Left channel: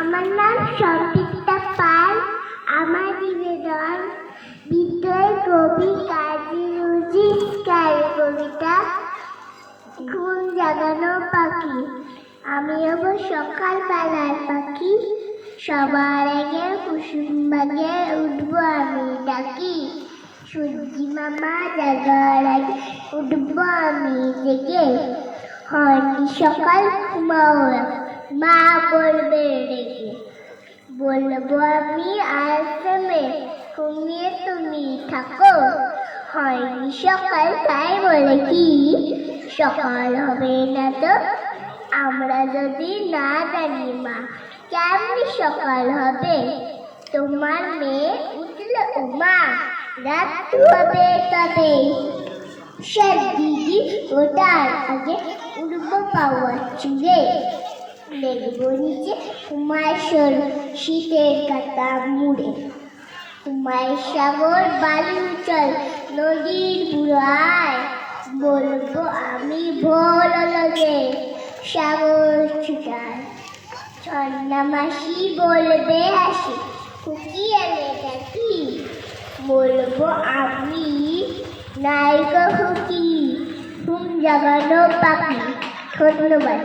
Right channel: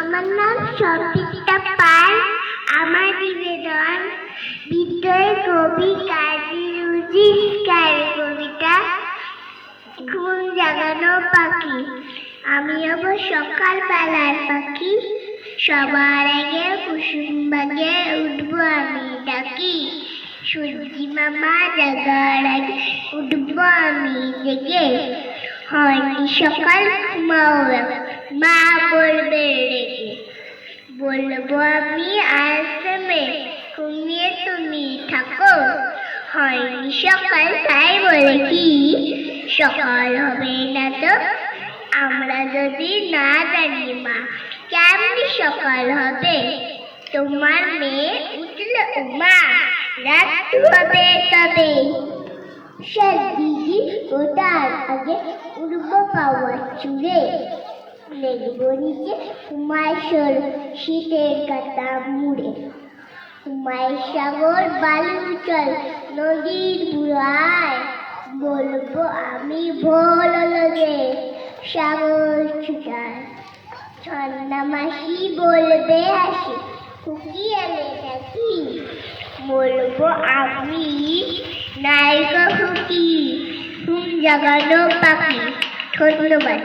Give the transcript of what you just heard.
আমার নাম সঙ্গীতা পাল। আমার নিবেদন বিদ্রোহের কবি কাজী নজরুল ইসলামের কবিতা ঘুম জাগানো পাখি। আমি হব সকালবেলার পাখি, সবার আগে কুসুম বাগে উঠবো আমি ডাকি। সূর্যি মামা জাগার আগে উঠবো আমি জেগে। হয়নি সকাল ঘুমাও মা বলবে রেগে। বলবো আমি আশ্রমে ঘুমিয়ে তুমি থাকো। হয়নি সকাল তাই বলে কি সকাল হবে না তো? আমরা যদি না জানি মা কেমনি সকাল হবে? তোমার মেয়ে উঠলে মা রাত হবে তবে। দিদি ওটার আগে উঠবো পাওয়া চুড়ে। দেখবো নিচে তোমার শোল শীতের কাটা মুড়ে। তোমার সাগর বালু চল নদীর বুড়ায়। বলবো আমি ভোর লগে সাগর ছুটায়। ছন্না মাসি বলবে হাসি খুকি এনে ডাকি। বলবো আমি নায়িকা খুকি ঘুম জাগানো পাখি। ধন্যবাদ।